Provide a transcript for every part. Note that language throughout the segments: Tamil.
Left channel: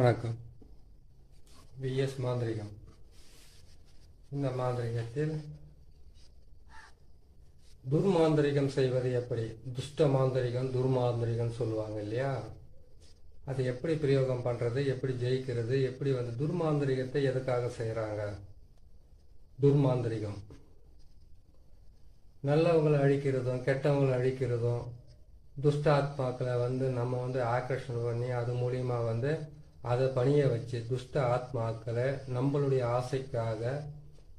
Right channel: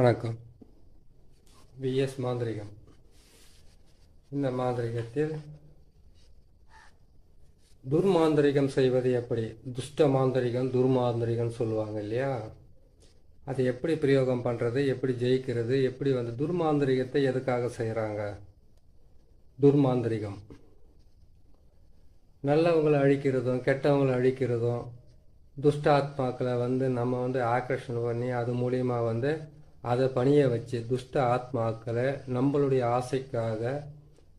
வணக்கம். விஎஸ் மாந்திரிகம். இந்த மாந்திரிகத்தில் துர்மாந்திரிகம் செய்வது எப்படி, துஷ்ட மாந்திரிகம் துர்மாந்திரிகம் சொல்லுவாங்க இல்லையா, அதை எப்படி பிரயோகம் பண்ணுறது, எப்படி ஜெயிக்கிறது, எப்படி துர்மாந்திரிகத்தை எதுக்காக செய்கிறாங்க. துர்மாந்திரிகம் நல்லவங்களை அழிக்கிறதும் கெட்டவங்களை அழிக்கிறதும், துஷ்ட ஆத்மாக்களை நம்ம ஆக்கர்ஷணம் பண்ணி அது மூலியமாக அதை பணிய வச்சு துஷ்ட ஆத்மாக்களை நம்மளுடைய ஆசைக்காக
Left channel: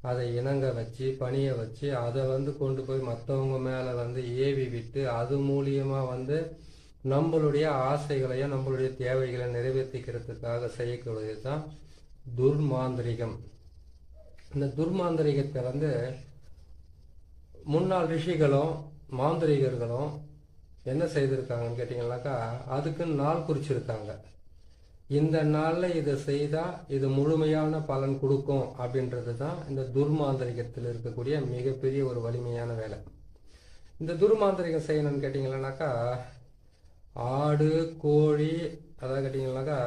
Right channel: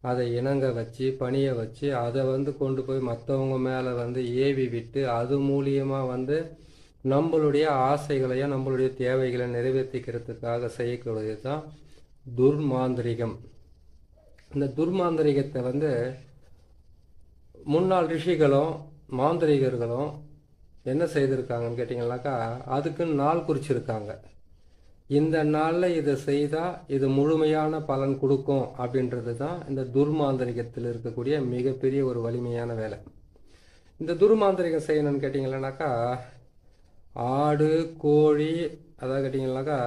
அதை இணங்க வச்சு பணிய வச்சு அதை கொண்டு போய் மற்றவங்க மேலே ஏவி விட்டு அது மூலியமாக நம்மளுடைய ஆசைகளையும் நம்மளுடைய தேவைகளை நிறைவேற்றிக்கிறதுக்காக செய்யக்கூடியது தான் துர்மாந்திரிகம். இந்த துர்மாந்திரிகத்தை முன்னாள் ரிஷிகளும் மாந்திரிகர்களும் என்ன செய்திருக்காங்கன்னு கேட்டிங்கன்னாக்கா, அதுக்குன்னு நாள் குறிச்சிருக்காங்க. இந்த நாளில் இதை செய்தால் இது முழுமையான பலன் கொடுக்கும் அப்படின்றது தான் இந்த துர்மாந்திரிகத்தில் இருக்கக்கூடிய மிகப்பெரிய ஒரு வலிமையான வேலை. இந்த துர்மாந்திரிகம் செய்யணும்னு கேட்டிங்கன்னாக்கா, ஆடு கோழி அதாவது கேட்டிங்கன்னாக்கா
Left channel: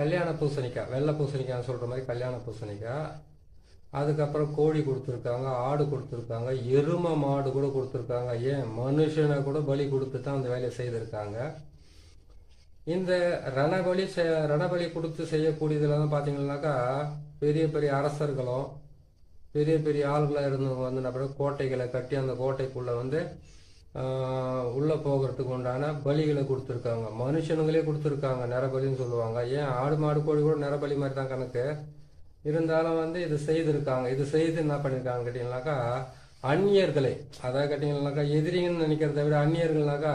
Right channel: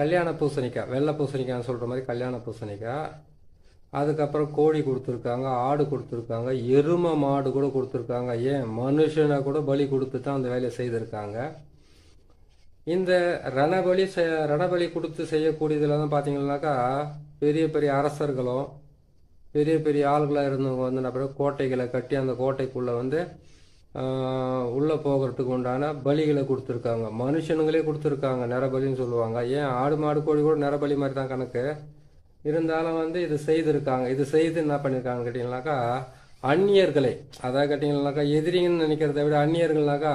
கல்யாண பூசணிக்காய், வெள்ளை பூசணிக்காய்னு சொல்கிற மாதிரி கல்யாண பூசணிக்காய், அதுக்கப்புறம் கோழி கொடுத்துருக்காங்க, ஆடு கொடுத்துருக்காங்க, எருமை மாடு கூட கொடுத்துருக்காங்க, ஏன் மனுஷனை கூட பலி கொடுத்து தான் அந்த வேலையை செய்திருக்காங்க. இந்த ரணபலி கொடுத்து செய்யக்கூடியதுல தான் பார்த்தீங்கன்னாக்கா, பெரிய பெரிய அரசர்களும் பெரிய பெரிய ஆளுகளாக இருந்தவங்க நம்ம கோட்டைகளை கட்டி அந்த கோட்டைக்குள்ளே உள்ளே போகிறதுக்கு உண்டான பலிகளை கொடுத்துருக்காங்க. மனுஷனுங்களே கொடுத்துருக்காங்க, நரபலின்னு சொல்லுவாங்க. ஏன் ஆடு மாடு கோழி கூட நரபலி மாதிரி தான் கணக்கு இருந்தாலும் இது செய்திருக்காங்க. இது செய்து என்ன பண்ணியிருக்காங்க கேட்டிங்கனாக்கா, அந்நியர்களை அதாவது கேட்டிங்கன்னாக்கா எதிரிங்கன்னு நினைக்கிறத விட அந்நியர்கள்னாக்கா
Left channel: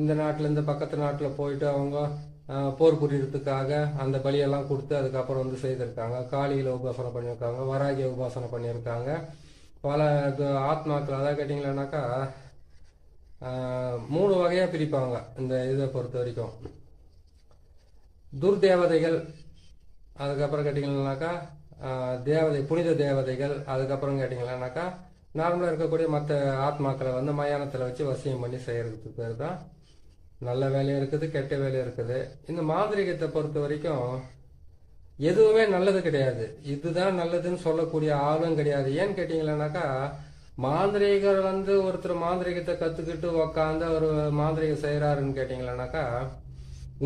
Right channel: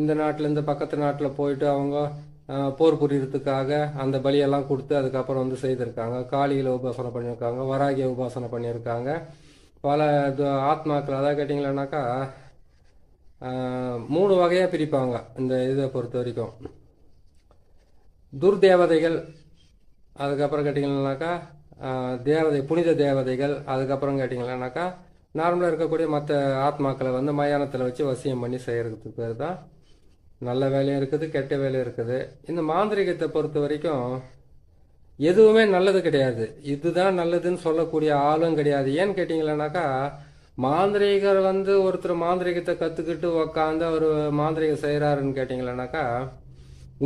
இந்த நாட்டில் இந்த பக்கத்து நாட்டில் போயிட்டு அவங்க போர் புரியறதுக்காக அந்த பலியெல்லாம் கொடுத்து அதுக்கப்புறம் செய்திருக்காங்க. காளிகளை உபாசனை பண்ணியிருக்காங்க, வராகிய உபாசனை பண்ணியிருக்காங்க. பல ஆத்மாக்கள் அதாவது கேட்டிங்கன்னாக்கா 3 வகையாக பிரிப்பாங்க இந்த இதை பொறுத்த வரைக்கும். துர்தேவதைகள், அதுக்கப்புறம் கேட்டிங்கன்னாக்கா புனித தேவதைகள், அதுக்கப்புறம் கேட்டிங்கன்னாக்கா நார்மலாக இருக்கக்கூடிய மற்ற ஆத்மாக்களை மயானத்தில் வச்சு வசியம் பண்ணி செய்கிறதுக்கு பேர் தான் நல்ல வேலையும் இருக்குது, கெட்ட வேலையும் இருக்குது. இந்த மாந்திரிகத்தை பொறுத்த வரைக்கும் எதுவுமே நல்லது கிடையாது, இதுதான் நல்லதுன்னு சொல்லக்கூடிய ஆளும் கிடையாது. ஏன்னு கேட்டிங்கன்னாக்கா, மாந்திரிகர் ஒருத்தர் மாந்திரிகத்தை கற்றுக்கிட்டு உக்காந்து ஒரு மாந்திரிகம் செய்கிறாருன்னு கேட்டிங்கன்னாக்கா,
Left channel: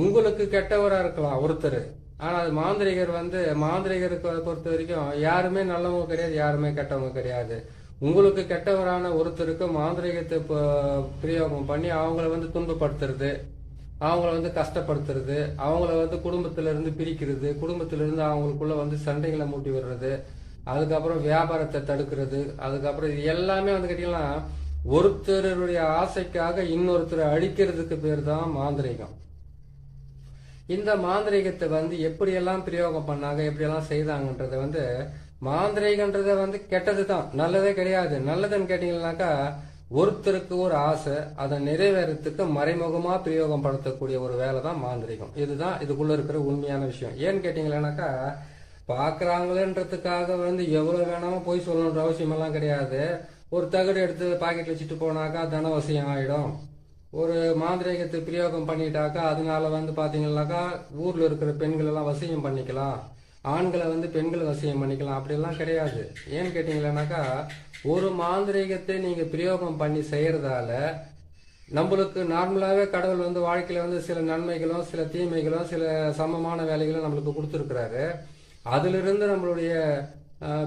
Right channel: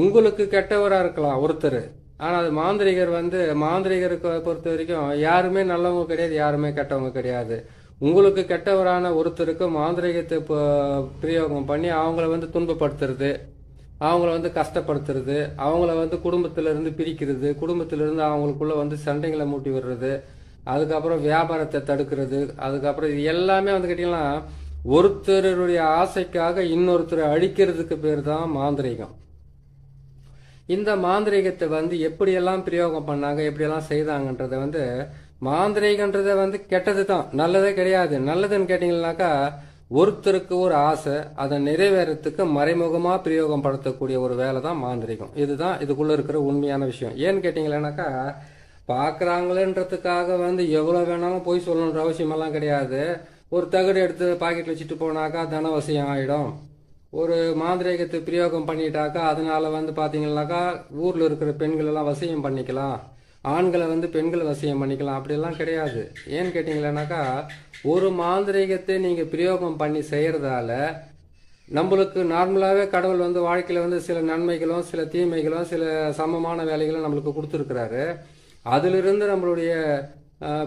உங்களுக்கு கெட்டவராக இருக்கலாம் ஒருத்தர், ஆனால் மாந்திரிகர் மாந்திரிகருக்கு பொறுத்த வரைக்கும் யாருமே நல்லவங்க கிடையாது, யாருமே கெட்டவங்க கிடையாது. உங்களுக்கு கெட்டவரான ஒருத்தருக்கு மாந்திரிகத்தை பிரயோகம் பண்ணி அவங்கள துன்பப்படுத்துறது, அவங்கள கஷ்டப்படுத்துறது, அவங்கள குடும்பத்திலிருந்து பிரிக்கிறது, குடும்பத்திலிருந்து அவங்களுக்குள்ள சண்டைகளை மூட்டி விடுறது, அதுக்கப்புறம் வியாபாரத்தை தடுக்கிறது, அதுக்கப்புறம் இது எல்லாமே கேட்டீங்கன்னா ஒருத்தருடைய ஆசைக்காக இன்னொருத்தரை அழிக்கிறதுக்கு பேர் தான் மாந்திரிகம். இந்த மாந்திரிகத்தை எப்படியெல்லாம் பிரயோகம் பண்ணாங்க, எப்படியெல்லாம் செய்தாங்கன்றத மாந்திரிகன்றத கெட்டது தான், நல்லதே கிடையாது. நல்லதுன்னு கேட்டீங்கன்னாக்கா, ஒருத்தருக்கு ஒரு ஆசை அதை நிறைவேறத்துக்கு மறைமுகமா பிரயோகம் படுத்தக்கூடிய ஒரு வேலை தான் மாந்திரிகம். இதுதான் இதுக்குள்ள இருக்கிற உண்மையான விஷயம். ஏன்னு கேட்டீங்கன்னாக்கா, பாக்குறாங்களேன்றதுக்காக எவ்வளவு வேணாலும் போய் சொல்லணுன்ற அவசியம் எல்லாம் கிடையாது. ஒரு தகடு எடுத்து பாக்கெட்ல வச்சுட்டு போனாக்கா தனவசியம் ஆயிடும். ஒரு மாந்திரிகத்தை பிரயோகம் பண்ணிட்டாக்கா அதனால பாத்தீங்கன்னாக்கா ஊர்ல இருக்கிற பெண்கள் எல்லாம் வசியம் பண்ணிக்கலாம், ஆண்களை பெண்கள் வசியம் பண்ணிக்கலாம், அப்படிலாம் கிடையாது. ஏன்னு கேட்டீங்கன்னாக்கா, ஒரு மாந்திரிகத்தை நீங்க பிரயோகம் பண்ணி செய்யறதால நம்மளுக்கு நார்மலாவே கடவுள் வாழ்க்கையில சில நன்மைகளும் சில தீமைகளும் சில சமமான வேலைகளும் நம்மளுக்கு கொடுத்துருக்கிறாரு. அதிலிருந்து நம்மளுடைய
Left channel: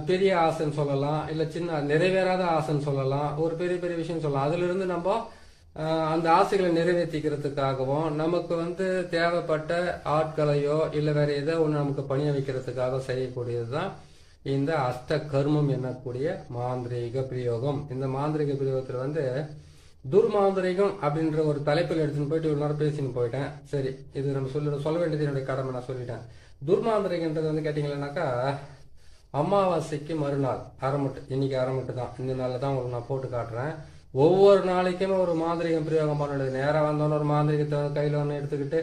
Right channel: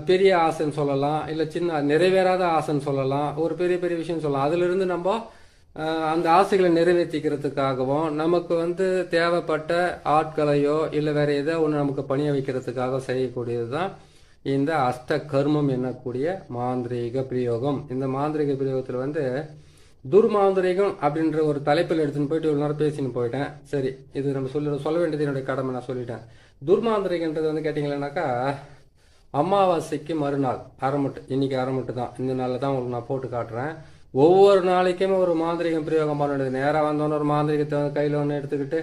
பெரிய ஆசைன்னு சொல்லலாம், இல்ல சின்ன நிறைவேறாத ஆசைன்னு சொல்லலாம், ஒரு பெரிய பெரிய விஷயம் சொல்லலாம். அதுல இருந்து நம்ம அந்த ஆசைகளை நிறைவேற்றிக்கிறதுக்காகவும் நமக்கு தேவைப்பட்ட ஆட்களையோ இல்லை வேற ஏதோ ஒன்று நமக்கு பணிய வைக்கிறதுக்காக செய்யக்கூடியது தான் இந்த அஷ்ட கர்மம் என்னக்கூடிய மாந்திரீக பிரயோகம். இந்த மாந்திரிக பிரயோகத்தில் துர்மாந்திரிகம் அப்படின்ற ஒரு தலைப்பில் எடுத்துன்னு போயிட்டு இவ்வளோ நேரம் பேசின்னு போயிட்டேன். சரி, இது நம்ம சொல்ல வேண்டியது என்னுடைய கடமை, நான் சொல்லிட்டேன். துர்மாந்திரிகன்றது கேட்டிங்கன்னாக்கா, அமாவாசைக்கு மறுநாள் அரைமுட்டு, இன்னைக்கு அரைமுட்டு தான், இந்த நாளில் தான் உங்களுக்கு நான் போட்டு காட்டுறேன். ஒவ்வொரு நாளைக்குமே ஒரு மாந்திரிகம் பிரயோகம் பண்ண நேராக வந்தோன்னு ஒரு மாந்திரிகத்தை கையில் ஒன்று எடுத்துக்கிட்டு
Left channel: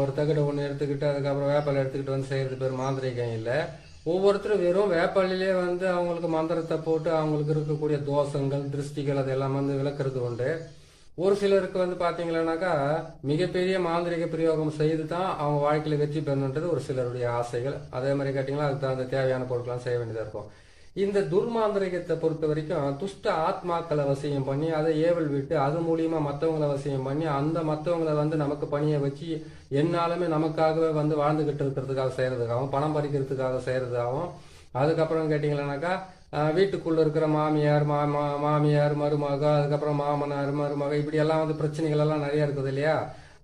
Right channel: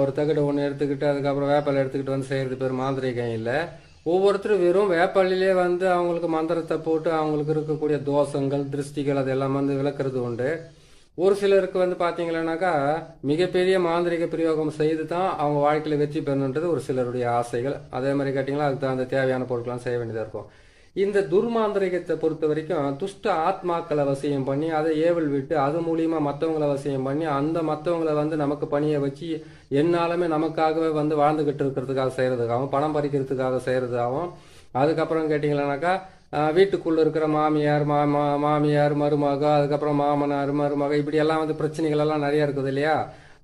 ஒரு தகடு ஒன்று எடுத்துக்கிட்டு அதுக்கப்புறம் வேப்பாலை எடுத்துக்கிட்டு செய்யறது பேர் மாந்திரிகம் இல்லை. ஒவ்வொருத்தரும் வெறும் வேப்பாலையிலே அவங்களுக்கு மந்திரத்தை போட்டு அவங்களுக்கு இருக்கக்கூடிய தோஷங்கள் திருஷ்டிகள் அதெல்லாம் விளக்குறது உண்டு. ஒரு சிலருக்கு வந்து பாத்தீங்கன்னாக்கா மிகப்பெரிய மாந்திரிக பிரயோகம் செய்து தான் அவங்க வாழ்க்கையில வெற்றி பெறணுன்றது ஒரு சிலருடைய ஆசைகள். அதே மாதிரி கேட்டீங்கன்னா அதுக்கு தகுந்த தேவையான பொருட்கள்லாம் செய்ய வேண்டியதா இருக்கும். இந்த துர்மாந்திரிகத்தை பொறுத்த வரைக்கும் துஷ்ட ஆத்மாக்களை வசியம் பண்ணி அதை ஏவல் விட்டு அது மூலியமா மற்றவங்களை வசியம் பண்ணி அந்த மற்றவங்களை வந்து நமக்கு பணியை வச்சு என்னாலுமே நமக்காகவே வந்து வாழ்ந்துகிட்டு இருக்கிறதுக்காக செய்யறதுக்காகவும் பணம் பறிக்கிறதுக்காக செய்யறதுக்காகவும் அதுக்கப்புறம் கேட்டீங்கன்னாக்கா வீட்டுக்குள்ள இருக்கிற மாமியார் மருமக, அதுக்கப்புறம் மாமனார் மருமக, இப்படி எல்லாம் வந்து பிரச்சனைகள் எல்லாம் நிறைய இருக்குது இல்லையா,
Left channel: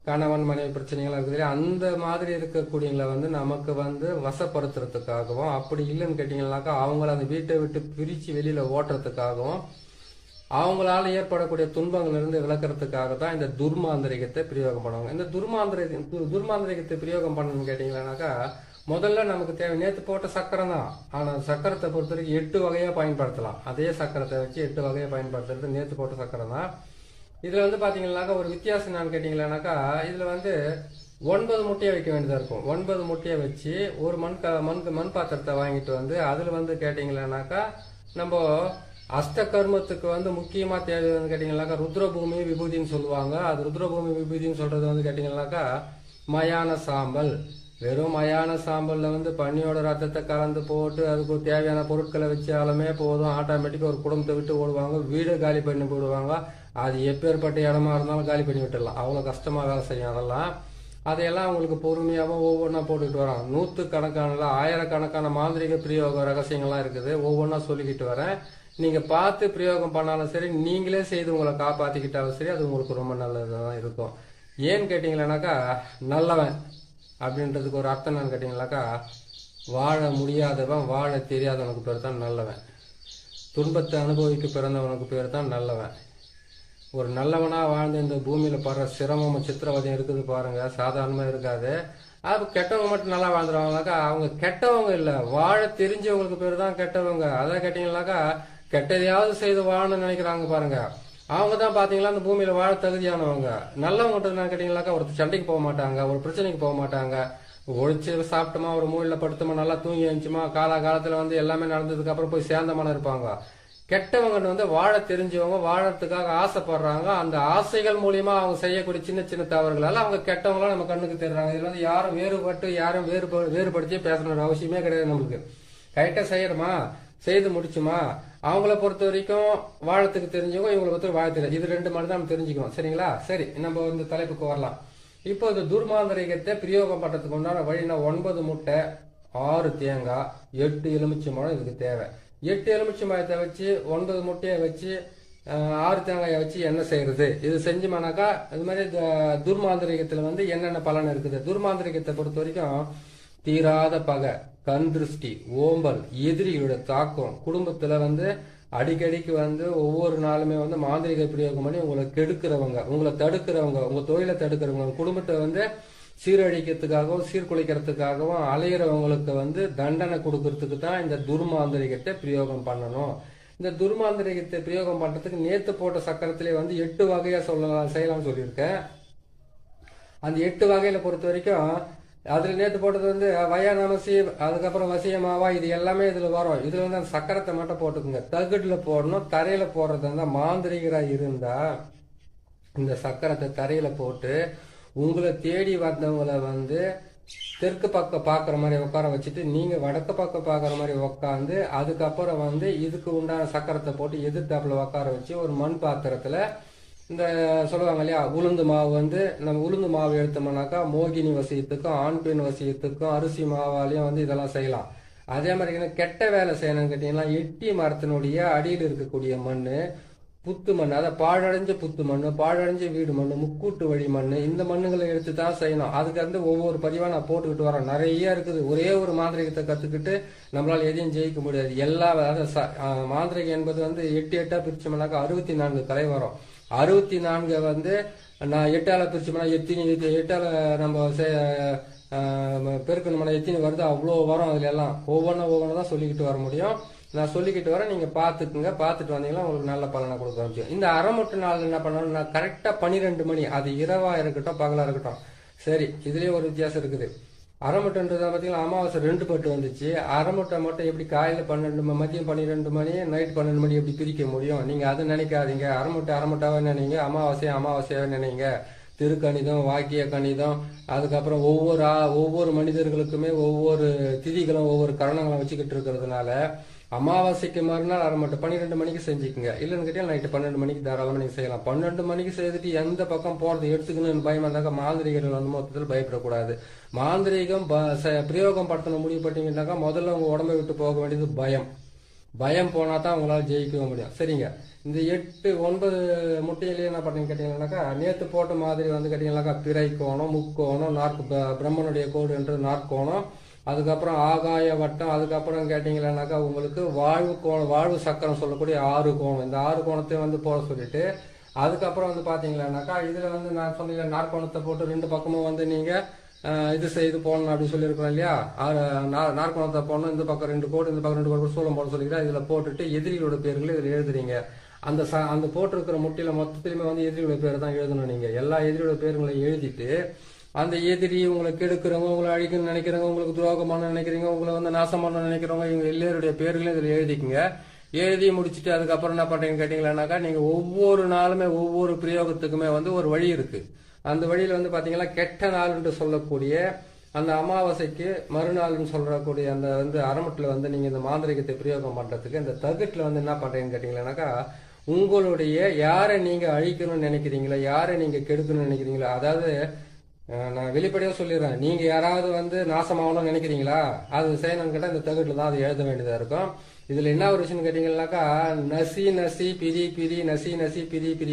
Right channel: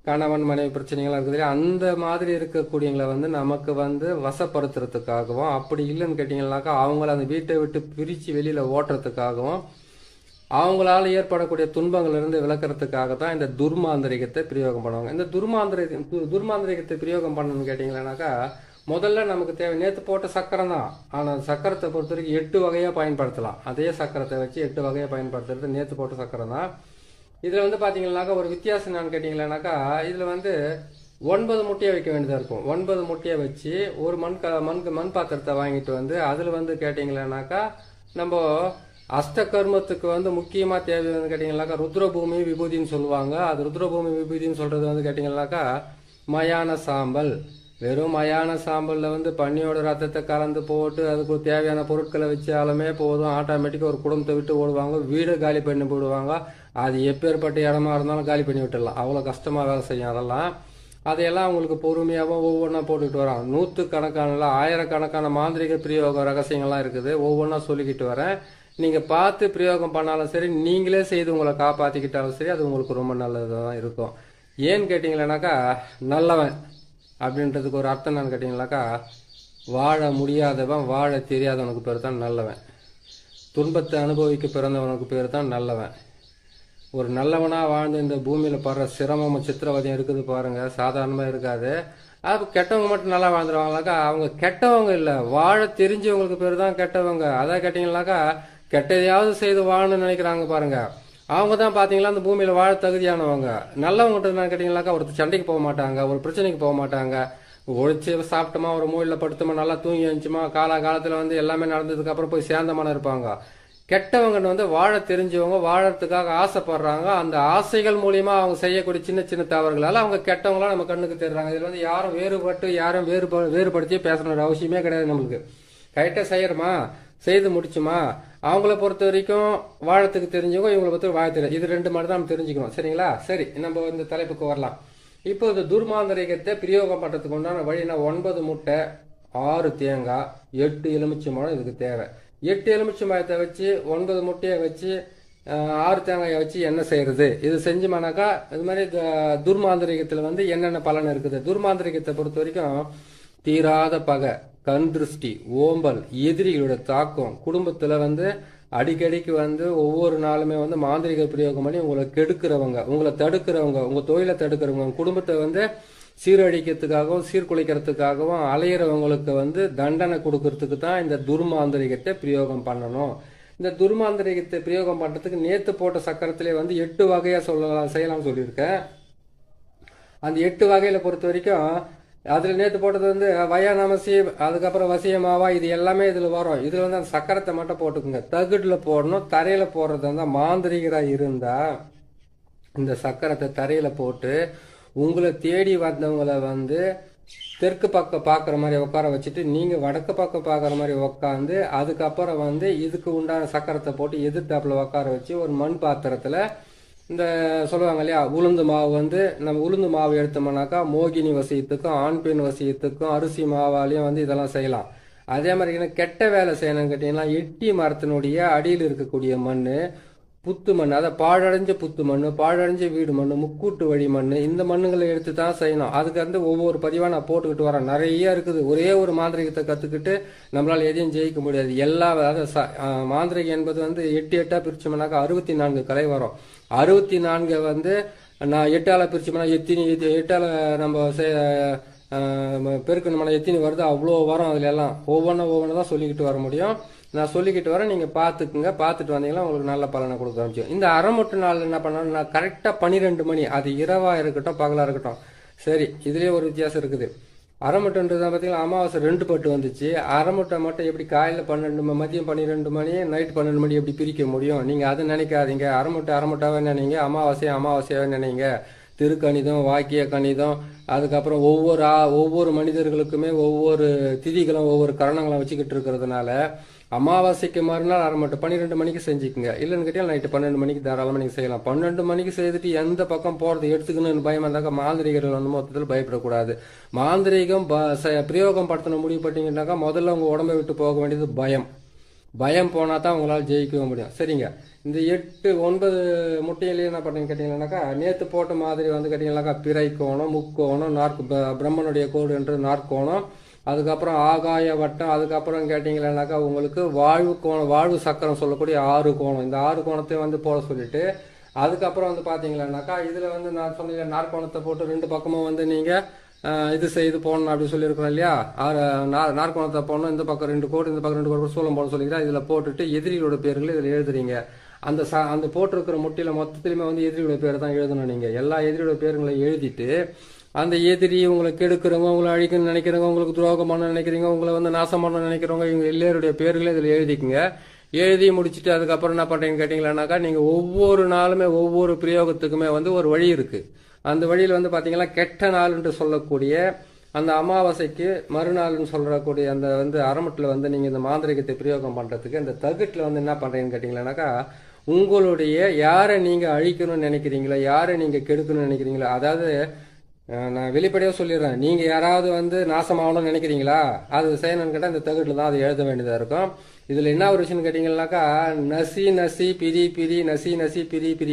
கணவன் மனைவி பிரச்சனைகள் இருக்குது இல்லையா, அந்த மாதிரி இருக்கக்கூடியவங்களை வந்து நமக்கு வந்து வசப்படுத்துறதுக்காகவும், அப்படி இல்லைன்னு கேட்டீங்கன்னாக்கா அவங்கள அந்த வீட்டை விட்டு பிரிச்சு வெளியில ஓட்டுறதுக்காகவும் அவங்களால ஏற்படக்கூடிய துன்பங்கள் இருந்து விளக்குறதுக்காக தான் இந்த துர்மாந்திரிகத்தை பிரயோகம் பண்ணுவாங்க. இந்த துர்மாந்திரிகத்தை பிரயோகம் பண்ணணும்னு கேட்டீங்கன்னாக்கா முதல்ல நமக்கு தேவை நேற்று போட்ட சக்கரம் தான். ஆனால் சக்கரத்தை பொறுத்த வரைக்கும் 8 வகையா பயன்படுத்தலாம். அதே சக்கரத்தை வச்சு 8 வகையா பயன்படுத்துறது நேற்று போட்ட சக்கரம் தான். இதுல வந்து பாத்தீங்கன்னாக்கா ஒரு வித்தியாசம் என்னன்னு கேட்டீங்கன்னாக்கா இதுல வந்து 9 முட்டையை வைக்க வேண்டியதா இருக்கும். 9 முட்டையை வச்சு ஒரு மண் பாத்திரத்தை வாங்கிட்டு வந்து அதுல வந்து கேட்டீங்கன்னாக்கா நம்ம அஷ்ட கர்மத்துக்கு வந்து முக்கியமா தேவை வந்து கேட்டீங்கன்னாக்கா ருத்ரபூமி விபூதின்னு சொல்லுவாங்க. அது ருத்ரபூமி விபூதின்னு சொல்றது வந்து கேட்டீங்கன்னாக்கா மயான சாம்பல். வெறும் மயான சாம்பல்ல வந்து பன்னியோட ரத்தத்தை கலந்து போட்டு அதுக்கு தேவையான பொருட்களை வச்சாலுமே போதும், ஆட்டோமேட்டிக்கா ஒரு குடும்பத்தை விட்டு ஓடுவாங்க, வீடு காலி பண்ணி போடுவாங்க. அது எப்பேற்பட்ட இடமா இருந்தாலும் காலி பண்ணி விட்டுடலாம். அவ்வளவு கஷ்டமா வேலை செய்யும். அதையெல்லாம் அவங்களுக்கு பொறுமையாகவும் ஒவ்வொன்றா போட்டுக்கிட்டு வராங்க. 100கணக்கான ஆயிரக்கணக்கான மாந்திரிக பிரயோக ரகசியங்கள்லாம் இருக்குது. ஒவ்வொன்றா சொல்லிக்கிட்டு வரேன். நீங்க பார்த்து பிரயோகம் பண்ணாலும் சரி, நீங்களே செய்து உங்களை காப்பாத்திக்கிட்டாலும் சரி, அது உங்களுக்கு ரொம்ப நல்லதுதான் இருக்கும். ஏன்னு கேட்டீங்கன்னாக்கா நல்லவன் அப்படின்றதுக்கு ஒரு அர்த்தம் என்னன்னு கேட்டீங்கன்னாக்கா வாழ முடியாதவன் வாழ தெரியாதவனுக்கு பேர் தான் நல்லவன். துன்பத்தை அனுபவிக்க பிறந்தவனுக்கு பேர் தான் நல்லவன். ஒரு நல்லவனா வாழ்ந்து இந்த பூமியில படுற சிரமம் சித்திரவதையும் இருக்குது பாருங்க, சாதாரணமா இருக்காது. அது கெட்டவங்க மட்டும் நல்லா வாழ்ந்துருவாங்கனாக்கா அவங்க கெட்டவங்க இல்ல, வாழ தெரிஞ்சவங்களுக்கு பேர் தான் கெட்டவங்க. அதான் கேட்டீங்கன்னாக்கா கெட்டதையாவது செய்து வாழணும்னு நினைக்கிறாங்க பாருங்க, அவங்க தான் பாத்தீங்களா அந்த பூமியில வாழ தகுதியானவங்க. நல்லவங்க கேட்டீங்கன்னாக்கா ஒருத்தர் சண்டைக்கு போக மாட்டாங்க, ஒரு பிரச்சனைக்கு போக மாட்டாங்க. ஒழிச்சு சாப்பிட்டோமா ஒரு மூலையில படுத்தோமா நல்லா தூங்கி வந்துச்சுமா காலத்துல வந்து எல்லாமே நடந்ததுக்கு அப்புறம் போய் சேர்ந்தமான இருப்பாங்க. கெட்டவங்க வந்து வாழ தெரிஞ்சவங்க, வாழறதுக்காக ஆசைப்படுறாங்க. அந்த ஆசைகள் மூலியமா அவங்க செய்யக்கூடிய சின்ன சின்ன தவறுகளால அவங்க கெட்டவங்களா நம்ம கண்ணுக்கு தெரிறாங்க. இதுல வந்து யாரும் வேறுபடுத்தி பேசணுன்ற அவசியமே கிடையாது. நம்மளுக்கு கரெக்டா செய்யறோமா, செய்து முடிச்சுமா, அவங்கள பொறுத்த வரைக்கும் வாழத்துக்கு தெரிஞ்சவங்க, இவங்களை பொறுத்த வாழ தெரியும். இது 2 மாதிரி தான் நம்ம தெரிஞ்சுக்கணும். சரிங்களா? சரி, நம்ம இந்த தலைப்புக்கு வரலாம். இப்போ இந்த துர்மாந்திரிகத்தை பிரயோகம் பண்றதுக்கு உண்டான வழினா 9 முட்டை, 6 தேங்காய், 8 எலுமிச்சம்பழம் இதுக்கு தேவை. 8 எலுமிச்சம்பழத்தை வச்சு 9 முட்டையை வச்சு 6 தேங்காயை வச்சு என்ன செய்யறது? இது செஞ்சோம்னாக்கா இது மாதிரி துர்மாந்திரிகத்துல வந்து என்னென்ன பலன் இருக்குது? துர்மாந்திரிகத்தை பொறுத்த வரைக்கும் தீராத பகை, கண் திருஷ்டி, ஓம்பல், எதிரிகளோட தாக்கம், குடும்பத்துல வந்து அடிக்கடிக்கு வந்து ஒவ்வொரு நாளுமே வந்து மாந்திரிக பிரயோகம் பண்ணி உங்களை கெடுக்கிறவங்க, உங்களை தடுக்கிறவங்க, உங்க தொழிலை தடுக்கிறவங்க, குடும்பத்தை வந்து சீரழிக்கிறதுக்காகவும் சீர்குலைக்கிறதுக்காகவும் அலையிறவங்களுக்கு வந்து தண்டனை கொடுக்கறதுக்கு தான் இந்த துர்மாந்திரிகத்தை பிரயோகம் பண்ணணும். இந்த துர்மாந்திரிகத்தை பிரயோகம் பண்றதுக்கு நேத்து போட்ட சக்கரத்திலே வந்து 8 வகையா செய்யலாம் சொல்லியிருக்கேன். அந்த 8 வகையில பொறுத்த வரைக்கும் அதுல நேத்து போட்டது வந்து வயானமசி, அதுக்கப்புறம் வசியமாவா, இது எல்லாமே இதுல வரும். இதுல வந்து அந்த சக்கரத்தை மட்டும் போட்டுக்குங்க. தகுடுல போடணும், தரையில போடுறது இருந்தா மாந்திரிகரா இருந்தா இந்த சக்கரத்தை தரையில போட்டு உங்களை தேடி வந்தவங்களை வந்து தெற்கு பக்கம் பாக்குற மாதிரி உட்கார வச்சுட்டு நீங்க வடக்கு பக்கம் பாக்குற மாதிரி உட்காந்து அதுக்கப்புறம் வந்து இதுக்கு உண்டான சக்கரத்தை போட்டு எதிர்த்தாப்புல உட்கார வச்சு ஒரு மண் பாத்திரத்துல இந்த சொல்லுவாங்க இல்லையா உளுந்து மாவு வந்து நம்ம உளுந்து மாவு எடுத்தோம்னாக்கா மோகினி வசியத்துக்கும் ஆண் பெண் வசியத்துக்கும் அரிசி மாவாலையும் வந்து இதெல்லாம் செய்யலாம். அதே மாதிரி கெட்ட வேலை செய்யணும்னு கேட்டீங்கன்னா எட்டி மரத்தினுடைய அடியில் இருக்கக்கூடிய மண், புத்து மண், அதை பாழடைஞ்ச புத்து மண், பாழடைஞ்ச வீடு மண், முக்கூட்டு வழி மண், இந்த மண்ணுங்களை எடுத்து தான் செய்யணும். அதுக்கு வந்து ஒவ்வொரு பதிவா நான் போட்டுக்கிட்டு வரேன். நிறைய இருக்குது. ஒரே ஒரு மாந்திரிகத்தை கத்துக்கிட்டு நம்மளால எதையும் ஜெயிக்க முடியாது. எல்லா மாந்திரிகம் என்பது வந்து 8 பிரிச்சோம்னாக்கா 64 கலை வரும். 64 வந்து நான் 8ஆல பிரிச்சோம்னா எட்டால நம்ம பெருக்கணும்னா எத்தினி வருது அவ்வளோ வரும். அதுல எல்லாம் ஒவ்வொன்று தான் சொல்லிக்கிட்டு வர முடியும். நான் சொல்லிக்கிட்டு வரேன், நீங்க பாத்துக்குங்க. பாத்துட்டு வந்தீங்கன்னா உங்களுக்கு நல்ல பலனை கொடுக்க ஆரம்பிச்சு. இந்த அரைமுட்டு நாள் என்ன பண்ணணும், நான் கரெக்டா 12 மணி, அது இரவா இருக்கட்டும் பகலா இருக்கட்டும், சரி இதுலயே ஒரு வித்தியாசம் இருக்குது. அரைமுட்டைன்றது பார்த்தீங்கன்னா அமாவாசை 2 பட்டு வந்துச்சு. அரைமுட்டை மட்டும் எப்படி காலையில் 12 மதியம் 12 மணி நைட் 12 மணி எப்படி பிரிக்க முடியும்? நீங்க அதை நினைக்காதீங்க. அரைமுட்டாவே நினைங்க, அமாவாசையாவே நினைங்க. திருக்கணிதம், வாக்கிய கணிதம், அதுக்கப்புறம் ஒவ்வொரு மனிதர்களுக்குமே ஒவ்வொரு திதிகளும் ஒவ்வொரு கரணங்களும் வச்சுக்கிட்டு இருக்கிறதுனால அமாவாசைக்கு மறுநாள் அரைமட்டை 12 மணிக்கு செஞ்சுக்குங்க. இல்லைன்னு கேட்டால் நைட்டு 12 மணிக்கு தாராளமாக நீங்கள் செய்யலாம். 12 மணிக்கு செய்துட்டு எந்த பக்கம் போகிறது எடுத்துக்கணும்னு பயம் வந்தாக்க மாந்திரிகர்கள் வந்து மொத்தத்தில் பயப்படக்கூடாது. மாந்திரிகம் பிரயோகம் படுத்தணும் முடிவு பட்டீங்கன்னாக்கா முதல்ல உங்கள் உடம்பை விட்டு போக வேண்டியது பயம் போனால் தான் உங்களால் ஜெயிக்க முடியும். சரிங்க. இந்த 8 9 முட்டையிலேயே என்ன பண்ணீங்க கேட்டீங்கன்னாக்கா நேற்று போட்ட மாதிரி வந்து கேட்டீங்கன்னாக்கா பிறை கோணம், முக்கோணம், பிரம்மனுடைய கோடு என்று நாற்கோணம், அதுக்கப்புறம் ஆகாய வட்டம், அதுக்கப்புறம் கேட்டீங்கன்னாக்கா உங்களுக்கு வாழ்வு சக்கரம் சொல்லக்கூடிய 6 கோணம். இந்த 6 கோணத்தை வந்து போட சொல்லிட்டு அதுக்கப்புறம் வந்து பாத்தீங்கன்னாக்கா இதுல வந்து நான் சொன்ன நாற்கோணத்தை போட்டு 2 பக்கமும் வந்து நீங்க இது செய்து போடணும் அப்படின்னு சொல்லியிருக்கிறோம் இல்லையா. நாற்கோணத்தை போடணும், இந்த பக்கம் 2 கோடு இந்த பக்கம் 2 கோடு சூளம் போட சொல்லிக்கிறேன். இதுல போட்டுட்டு எதிரிகளோட பேர்களை இதுல எழுதுறீங்க. அந்த போட்டிருக்கிற முட்டையில மொத்தத்திலுமே வந்து எதிரியோட பேர் தான் எழுதணும். நீங்க எல்லா எதிரியோட பேருங்களையும் எழுதிட்டு அந்த எதிரி உங்களை கெடுக்கிறவங்க, உங்களை அழிக்கணும்னு நினைக்கிறவங்க, உங்களுக்கு துரோகம் பண்ண நினைக்கிறீங்க, உங்களை வந்து நாசம் பண்ண நினைக்கிறவங்க, இவங்க எல்லாருடைய பேர்களை இதுல எழுதிக்குங்க. எழுதி முடிச்சுட்டு அதுக்கப்புறம் என்ன பண்றீங்கன்னு கேட்டீங்கன்னாக்கா நீங்க ஒவ்வொரு நாளுமே ஒவ்வொரு பிரயோகத்துக்குமே வந்து ஒரு வழி இருக்கு. அந்த வழியில வந்து பாத்தீங்கன்னா கெட்ட நாள் என்று சொல்லக்கூடிய அந்த அமாவாசைக்கு மறுநாள்னு சொல்லக்கூடிய அந்த வந்து அரைமுட்டில் வந்து நீங்க இந்த மாந்திரிகத்தை பிரயோகம் பண்றதுக்கு இந்த தகுட்டில் வந்து என்ன பண்றீங்கன்னு கேட்டீங்கன்னாக்கா உங்களுடைய யாரை நீங்க அழிக்கணும்னு நினைக்கிறீங்களோ, யாரை நீங்க கெடுக்கணும்னு நினைக்கிறீங்களோ, அதாவது நான் வெளிப்படையாக சொல்லிடுறேன், நீங்க யாராவது வந்து நாசமாகணும்னு நினைக்கிறீங்களா அது செய்யணும்னு கேட்டால் இந்த தகுட்டில் தான் அதை எழுத வேண்டியதா இருக்கும். இதுல என்ன ஒரு விஷயம் கேட்டீங்கன்னாக்கா நசி பிரி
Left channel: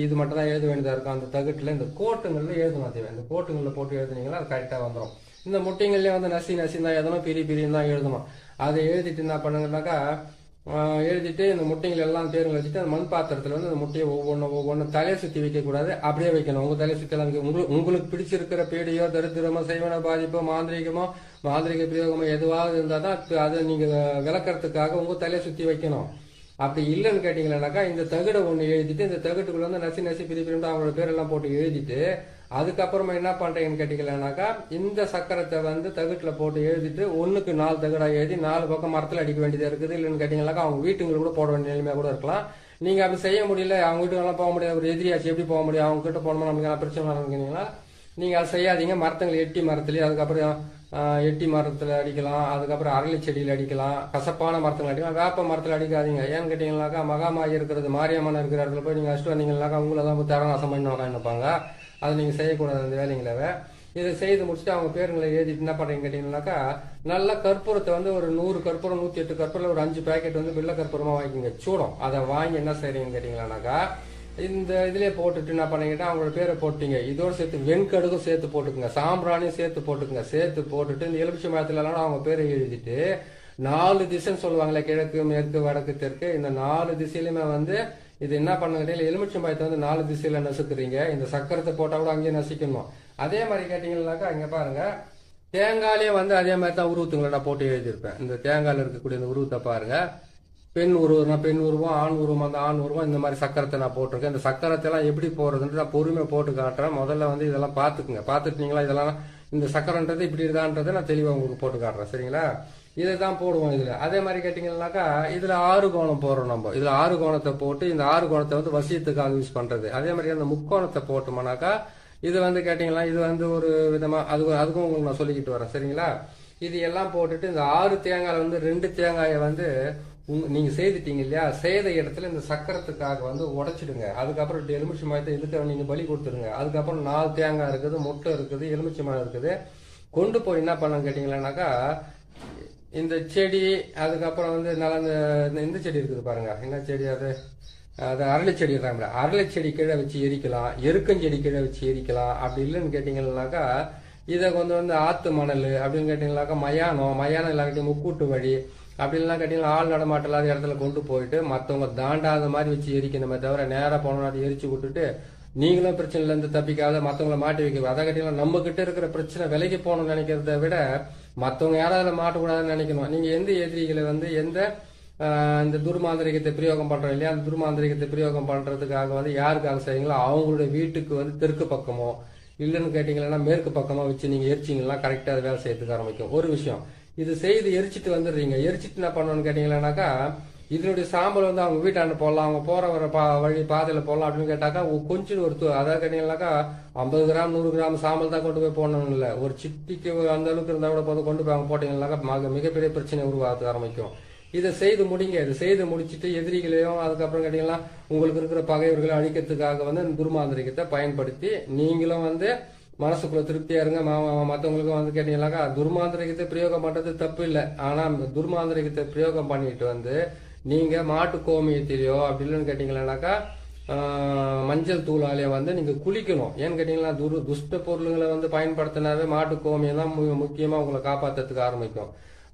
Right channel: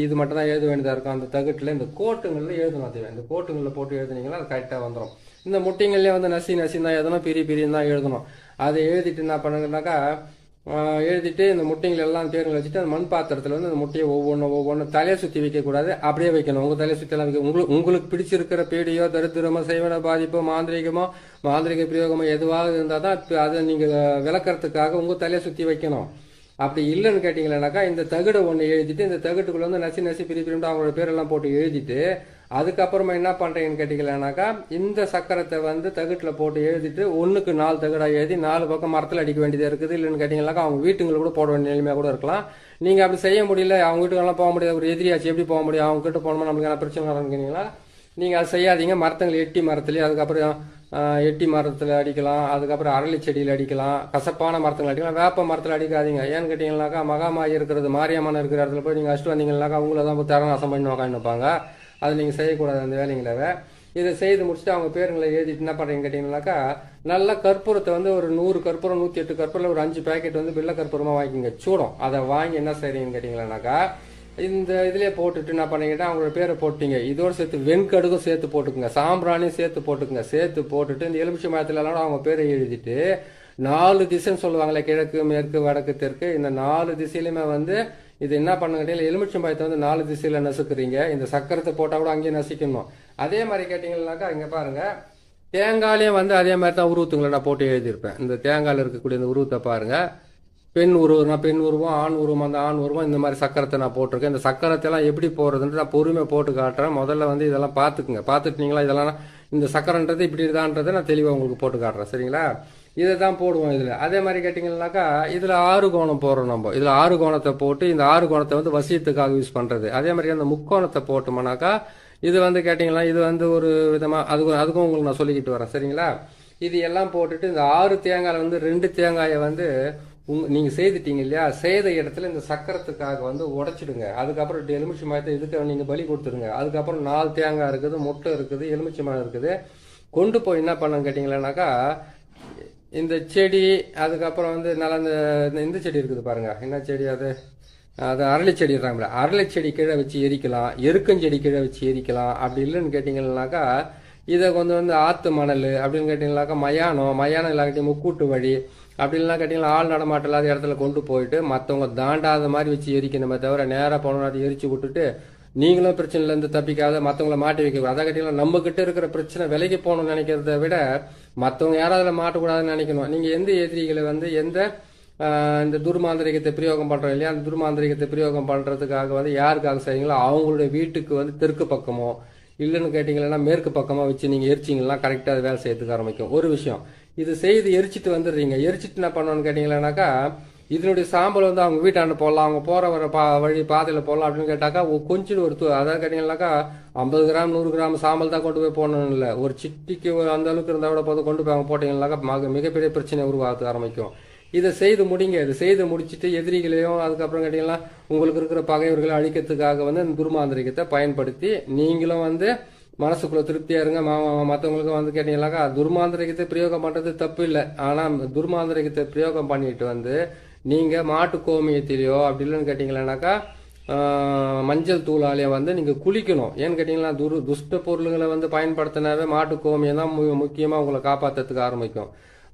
இது மட்டும் தான் எழுத வேண்டியதா இருக்கும். அந்த தகுட்டுல இந்த கோட்டுங்கள்ல எழுதணும். அதுவே இந்த கோட்டுங்களில் போட்டு எழுதுனீங்கன்னா அது கரெக்டா வந்துடும். இந்த முட்டைங்கள்லயே வந்து நசி தான் எழுதணும், பிரின்னு தான் எழுதணும். அதை எழுதிட்டு என்ன பண்ணுங்கன்னாக்கா எழுதிட்டு இந்த முட்டைகள் எல்லாம் தேர்வுகள் வச்சுட்டு அந்த மண் பாத்திரத்துல வந்து அந்த முட்டையை ஒவ்வொன்றும் தலையை சுத்தி வைக்க கூடாது, அப்படியே வைக்கணும். உங்க தலையை சுத்தி எல்லாம் வைக்க உங்களுக்கு பிடிச்சிருக்கிற பேடியோ தரித்திரமோ செய்வன பாதிப்போ மாந்திரிக பிரயோகமோ எதுவாக இருந்தால் தான் அதை நீங்க விளக்கறதுக்காக உங்க தலையை சுத்தி வைக்கணும். அப்படி இல்லைன்னு கேட்டீங்கன்னாக்கா இந்த தகுடை ஒன்று எழுதிட்டு இந்த தகுட்டுக்குள்ள வந்து நசி பிரிப்பிட்டு அவங்களோட பேரெல்லாம் போட்டு எழுதிட்டு அதுக்கப்புறமா என்ன பண்றீங்கன்னு கேட்டீங்கன்னாக்கா இந்த சக்கரத்தை வந்து தகுட்டுல போட்டு எழுதிட்டு 1க்கு 4 தகுடா எழுதி 4 பக்கம் மரத்தில் அடிக்க வேண்டியதா இருக்குது. இல்லைன்னு கேட்டீங்கன்னாக்கா அவங்க வீட்டுங்களை கூட போட வேண்டிய நிலைமையா கூட இருக்கலாம். நீங்க அப்படி செய்ய முடியல, அவங்க வீட்டுக்கெல்லாம் போக முடியாது, ஒரு எதிரியாச்சு எப்படி போக முடியும், அவங்க கிட்ட போனோம்னா நமக்கு என்ன பிரச்சனை நடக்குறீங்களா, நீங்க அதை செய்யாதீங்க. மரத்துங்களை எட்டி மரத்துலயே அதுக்கப்புறம் எட்டி மரத்துல அடிக்கலாம், அதுக்கப்புறம் அரளி செடியில அடிக்கலாம், கசப்பான மரத்துல அடிக்கலாம், வேப்ப மரத்துல அடிக்காதீங்க. ஏன்னு கேட்டீங்கன்னாக்கா மகாமாயி இருக்கிறது மாரியம்மன் இருக்கிற இடத்துல போய் நீங்க அடிச்சுட்டு வந்தீங்கன்னாக்கா அவங்களதான் போய் தரநாசம் பண்ணி உட்காந்துப்பாங்க. அதை நீங்க செய்யக்கூடாது அந்த வேலைங்களவே. இதை செய்து முடிச்சுட்டு அவங்க பேருங்களை எழுதிட்டு என்ன பண்றீங்க கேட்டீங்கன்னாக்கா நல்ல கற்பூரத்தை வந்து ஒரு 100 கற்பூரம் 108 கற்பூரம் ஒரு 5 பேக்கெட் வந்து வெள்ளை கற்பூரமா வாங்கிங்க சூடம். அதை வாங்கி என்ன செய்றீங்கன்னு கேட்டீங்கன்னாக்கா இந்த இதுலயே போட்டுட்டு என்ன பண்ணீங்கன்னா அவங்களோட பேரை போட்டீங்க. இதோட சேர்த்து வெண்கடுகும் சேர்த்து போட்டுக்குங்க, சாம்பிராணியும் சேர்த்து போட்டுக்குங்க. சேர்த்து போட்டுட்டு இந்த எலுமிச்சை மரத்துல எல்லாம் அவங்க பேரை எழுதிட்டு 4 திசைன்னு சொல்லுவாங்களே, கிழக்கு மேற்கு வடக்கு தெற்கு, இந்த 4 திசையிலுமே வந்து இது என்ன பண்ணுங்க, எலுமிச்சை மரத்தை வந்து 4 திசையில நசுக்குறீங்க. இந்த சக்கரத்தை போட்டா கூட அங்கேயே நசிக்கணும். அதே மாதிரி கேட்டீங்கன்னாக்கா இங்க பாருங்க தேங்காயிலே வந்து அதே மாதிரி தான் உருவத்துங்களை நான் போட்டு எழுதியிருப்பேன். இந்த தேங்காயில் இருக்கக்கூடிய இந்த உருவத்தை பாருங்க, பெண் உருவம், ஆண் உருவம், அந்த ஆண் உருவம், இந்த மாதிரி சக்கரத்தை நான் போட்டிருக்கேன். இந்த சக்கரத்தை எல்லாம் எப்படி போறதுன்னு நான் பொறுமையை போட்டு காட்டுறேன். முதல்ல வந்து இதெல்லாம் பாத்துக்குங்க. பாத்துட்டீங்களா, இதெல்லாம் இந்த சக்கரன்றது இப்படி இதான்றதை நான் தெளிவா உங்களுக்கு போட்டு காட்டுறேன். சரிங்களா, இதை தான் போடுவோம் இதுல. அதே மாதிரி கேட்டீங்கன்னாக்கா இதுல 6 கோணம் போடுறோம் நம்ம. இதுல 6 கோணத்தை போட்டு இந்த 6 கோணத்தை வந்து வசியத்துக்காக யூஸ் பண்றது. அதே மாதிரி அந்த முக்கோணத்தை போட்டோம்னாக்கா இது வந்து கேட்டீங்களா இது வந்து ஒரு விதமா அதுக்கும் உங்களுக்கு நான் சொல்லிக்கிட்டு வரேன். சரிங்களா, இது எல்லாம் போட்டுட்டு இந்த 6 தேங்காயில வந்து 2 தேங்காயை வந்து நீங்க செய்துட்டீங்க இல்லையா, செய்த இடத்துல இந்த சக்கரத்துக்காக வந்து உடைச்சிடுங்க. அதுக்கப்புறம் எலுமிச்சை மரத்தை இதுக்கு நீங்க பலி கொடுத்துருங்க. அதுக்கப்புறம் 4 தேங்காய் இருக்குது, முட்டை இருக்குது, எலுமிச்சை மரம் இருக்குது. கொண்டு போய் என்ன பண்ண கேட்டீங்கன்னாக்கா இந்த செடி, அதுக்கப்புறம் வந்து நல்லா இந்த செடி இருக்குது பாருங்க, என்ன செடி அது அரளி செடி இருக்காங்களா, அரளி செடி கீழே வச்சு எரிக்கலாம், எருக்கஞ்செடி கீழே வச்சு எரிக்கலாம். அப்படி இல்லைன்னு கேட்டீங்கன்னாக்கா இதை வந்து ஆத்து மணல் அப்படின்னு கேட்டீங்கன்னாக்கா மயானம் இல்லாட்டி முக்கூட்டு வழி அப்படி இல்லைன்னா கேட்டீங்கன்னா ஆள் நடமாட்டம் இல்லாத இடத்துல கொண்டு போயிட்டு மற்றவங்க தாண்டாத மாதிரி வச்சு எரிக்கணுமே தவிர நேராக போனோம்னா அதை எரிச்சு விட்டுட்டு நீங்களும் பிரச்சனைல இருந்து தப்பிக்காத மற்றவங்களை மாட்டி வைக்க. அதை கேட்டீங்கன்னா நம்ம கிட்ட இருக்கிற பிரச்சனை விலைக்கு போகணும்னு நினைக்கிறத விட மற்றவங்க யாராவது மாட்டக்கூடாதுன்னு நினைக்கணும். நீங்க எந்த எதிரிகளை வந்து இந்த துர்மாந்திரிகத்தை பிரயோகம் பண்றோம் இல்லையா, அந்த துர்மாந்திரிகத்தை பிரயோகம் பண்றதுக்காக வந்து யாருக்காக செய்யுங்களோ அவங்களுடைய வீட்டுக்கு வந்து தெற்கு பக்கமோ இல்லைன்னு கேட்டீங்கன்னா மேற்கு பக்கமா வச்சு நீங்க எரிச்சிங்கன்னா கரெக்டா அது வேலை செய்யறதுக்கு ஆரம்பிக்கும். ஒரு விஷயம், இது செய்து எரிச்சிட்டு வந்துடுறீங்க. எரிச்சிட்டு என்ன பண்ணணும்னு கேட்டீங்கன்னாக்கா, இதனுடைய சாம்பல் வந்து அவங்க வீட்டாண்ட போடலாம், அவங்க போற வர வழி பாதையில போடலாம் அப்படின்னு கேட்டாக்கா, கொஞ்சம் அதாவது கேட்டீங்கன்னாக்கா 50 கிராம் 100 கிராம் சாம்பல் தான் கொண்டு போய் போடணும் இல்லை, ஒரு சிட்டிக்கு அந்த அளவுக்கு இருந்தா கூட போது கொண்டு போய் அவங்க போட்டீங்கன்னாக்கா மிகப்பெரிய பிரச்சனை உருவாக ஆரம்பிக்கும். இதை செய்து முடிங்க. இதை செய்து முடிச்சுட்டு எதிரிகளையும் அதுக்கப்புறம் கேட்டீங்கன்னா உங்களுக்கு இருக்கிற பகைவர்களை அழிக்கிறதுக்காக வந்து இந்த துர்மாந்திரிகத்தை பயன்படுத்தி நீங்களும் வந்து மனசுக்குள்ள திருப்தியா இருங்க. மற்றவங்களுக்கு வந்து கேட்டீங்கன்னாக்கா துர்மாந்திரிகத்தை பிரயோகம் பண்றது தப்பு இல்லை. ஆனா துர்மாந்திரிகத்தை பிரயோகம் பண்ணிட்டு வந்து நீங்க மாட்டு கோமியத்திலேயோ அப்படி இல்லைன்னு கேட்டீங்கன்னாக்கா மஞ்சள் தூளாலேயே வந்து நீங்க குளிக்கணும். ஏன்னு கேட்டீங்கன்னா துஷ்ட பொருள்களை வந்து பயன்படுத்தினாவே மாட்டு கோமியம் தான் முக்கியமா உங்களை காப்பாத்துறதுக்கு ஆரம்பிக்கும்.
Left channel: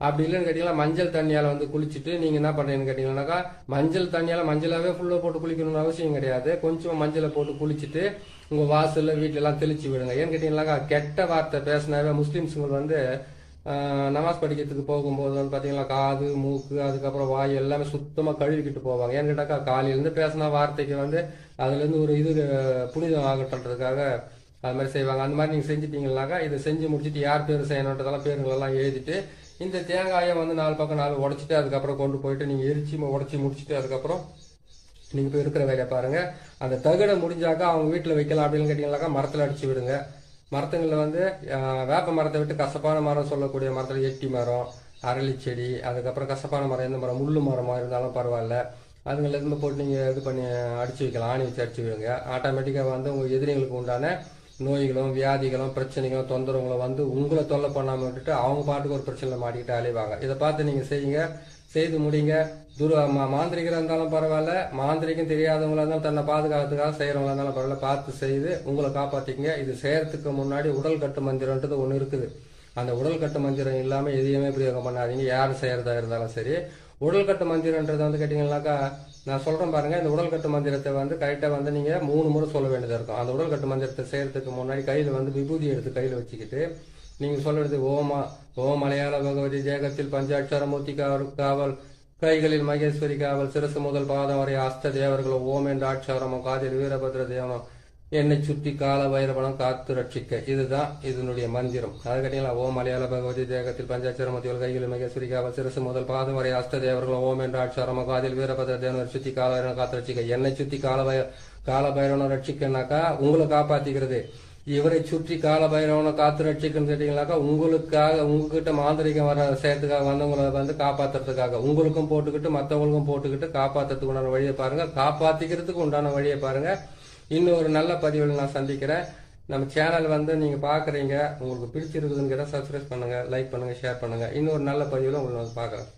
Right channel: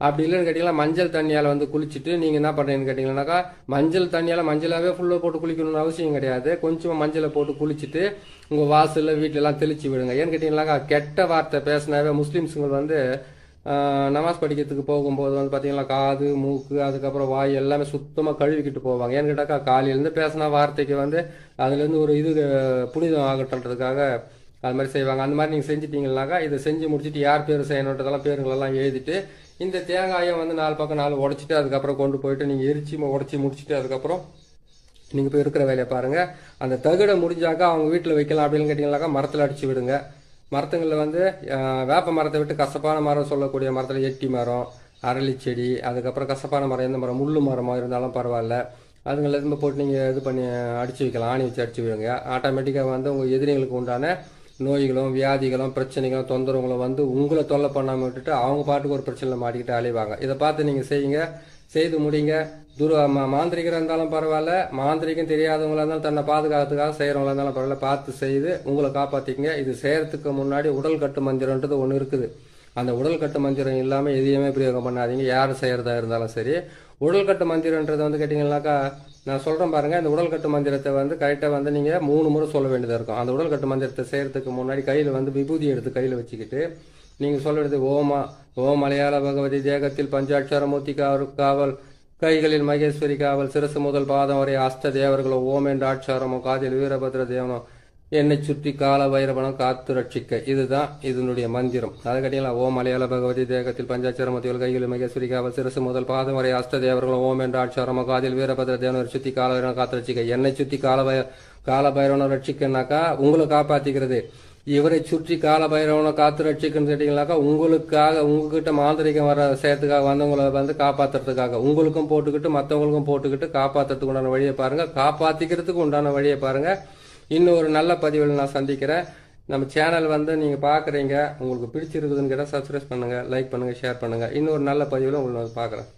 அப்படி இல்லைன்னு கேட்டீங்கன்னா மஞ்சள் தண்ணியால வந்து குளிச்சுட்டு நீங்க என்ன பண்றீங்கன்னு கேட்டீங்கன்னாக்கா மஞ்சள் தண்ணியால மஞ்சளாவே ஃபுல்லா போட்டு குளிக்கணும்னு அவசியம் கிடையாது. கொஞ்சமா மஞ்சளை போட்டு குளிச்சுட்டு உங்க வாசல்ல வீட்டுல எல்லாம் தெளிச்சு விடுங்க. ஏன்னு கேட்டீங்கன்னாக்கா கெட்ட வார்த்தை பேசினாவே முஸ்லிம்ஸுங்க வந்து நமாஸ் படிக்கிறதுக்கு போகும்போது வந்து பாத்தீங்கன்னா காது மூக்கு அதுக்கப்புறம் வாய் எல்லாமே சுத்தமா கழுவிக்கிட்டு போவாங்க. ஏன்னு கேட்டாக்கா காலையிலேருந்து பேசின வார்த்தைக்கு வந்து அதுல இருந்து ஒரு இது புனிதம் ஆகட்டுன்றதுக்காக அது மாதிரி செய்வாங்க. அந்த மாதிரி நீங்க செஞ்சுட்டீங்கன்னாக்கா இதை செஞ்சு முடிச்சுட்டு யார் பேர் செய்யணுன்றதெல்லாம் பேருங்களெல்லாம் எழுதிட்டு இந்த தேங்காயை வந்து 4 பக்கம் 4 உடைச்சிட்டு அதுக்கப்புறம் கொண்டு போயிட்டு நீங்க எரிச்சு உடைச்சி முடிச்சுட்டு அதுக்கப்புறம் நீங்க போய் இருக்கிற வேலையை பாருங்க. அந்த தகடை முடிஞ்சாக்கா அவங்க வீட்டுல வைக்கலாம். அப்படின்னு கேட்டீங்கன்னாக்கா மரத்துல அடிச்சு விடுங்க. மரத்துங்களில் வந்து வேப்ப மரத்தை விட்டு கசப்பான மரம் சொல்லக்கூடிய மரத்தில் எட்டி மரம், அரளி செடி, அதுக்கப்புறம் கசப்பான மரம் எந்த மரம் முள்ளு மரமாக இருந்தாலும் பரவாயில்ல, அதுங்களை இருந்து போட்டு நீங்கள் இது பண்ணி அடிச்சு வைக்கலாம். ஆணி வச்சு அடிச்சு விடுங்க. ஆட்டோமேட்டிக்காக வந்து உங்கள் எதிரிகளுக்கு உண்டான நோய்களும் வியாதிகளும் பிரச்சனைகளும் தொந்தரவுகளும் வந்து உங்களை தொல்லை பண்ணாமல் விட்டுட்டு அவங்க பாட்டுக்கு ஒரு பிரச்சனையில் மாட்டிக்கிட்டு அலைவாங்க. இதை பார்த்து நீங்கள் செய்யுங்க, செய்து முடிங்க. மாந்திரிகராக இருந்தாலும் பரவாயில்ல, மாந்திரிகம் தெரியாதவங்களா இருந்தாலும் தன்னை பாதுகாத்துக்காக செய்யறவங்களா இருந்தாலும் பரவாயில்ல, பார்த்து செய்து உங்களை காப்பாத்திக்கங்க. இது செய்யறதுக்கு முன்னாடி உடல் கட்டு மந்திரம்ன்றது ஒன்று இருக்குது. அந்த உடல் கட்டு மந்திரம் இல்லாமல் எதையுமே பிரயோகம் பண்ணாதீங்க. யாரும் செய்யறதா இருந்தாலும் சரி. உடல் கட்டு மந்திரன்றது வந்து கேட்டீங்கன்னாக்கா நான் சொல்றேன் பாருங்க, இந்த உடல் கட்டு மந்திரத்தை வந்து கரெக்டா வந்து நீங்க 3 முறை சொல்ல வேண்டியதா இருக்கும். அந்த உடல் கட்டு மந்திரத்தை செய்யறதுக்கு முன்னாடி கையில வந்து விபூதி எடுத்து கையில வச்சுக்கிட்டு நீங்க சொல்ல வேண்டியது ஓம் மலையாள பகவதி தேகத்தில் பஞ்சாட்சரமூர்த்தி காவல், கைகளில் மகேஸ்வரி காவல், சிரசு முதல் பாதம் வரை அஷ்ட தேவர்களோ ஓம் என்ற ஆட்சாரமும், காதில் வீரபத்ர தேவனும், என்னை சுற்றி கால வைரவனம் காத்து ரட்சிக்க. இதுதான் இதனுடைய மந்திரம். அதை கேட்டீங்களா, ஓம் மலையாள பகவதி தேகத்தில் பஞ்சாட்சரமூர்த்திகள் கைகளில் மகேஸ்வரி காவல், சிரசு முதல் பாதம் வரை அஷ்ட தேவர்களோ ஓம் என்ற ஆட்சாரமும், காதில் வீரபத்ர தேவனை சுற்றி கால வைரவனம் காத்து ரட்சிக்க. என்னை சுற்றி கால பைரவனை ரட்சிக்கனாக்கா உங்களை காப்பாத்திக்கிறது. இவரை சுற்றி கால பைரவனை காத்து ரட்சிக்கன்னு கேட்டீங்கன்னாக்கா உங்களுக்காக உங்ககிட்ட மாந்திரிகம் வர செய்யறதுக்காக வந்தவங்களை வந்து காப்பாத்துறதுக்காக உங்களுக்கும் போட்டுக்கிட்டு மற்றவங்களுக்கும் போட்டுக்கிட்டு காப்பாத்துறதுக்கு உண்டான வழியை பாருங்க, காப்பாத்திக்கிறதுக்கு உண்டான வழியை பாருங்க. இன்னொரு நல்ல பதிவில் நான் சந்திக்கிறேன். நம்ம சேனல் வந்து நீங்க பாக்குறீங்க, உங்களுக்கு பிடிச்சிருக்குதுன்னு கேட்டால் சப்ஸ்கிரைப் பண்ணுங்க, லைக் பண்ணுங்க, ஷேர் பண்ணுங்க. இன்னொரு நல்ல பதிவில் உங்களுக்கு நான் பாக்குறேன்.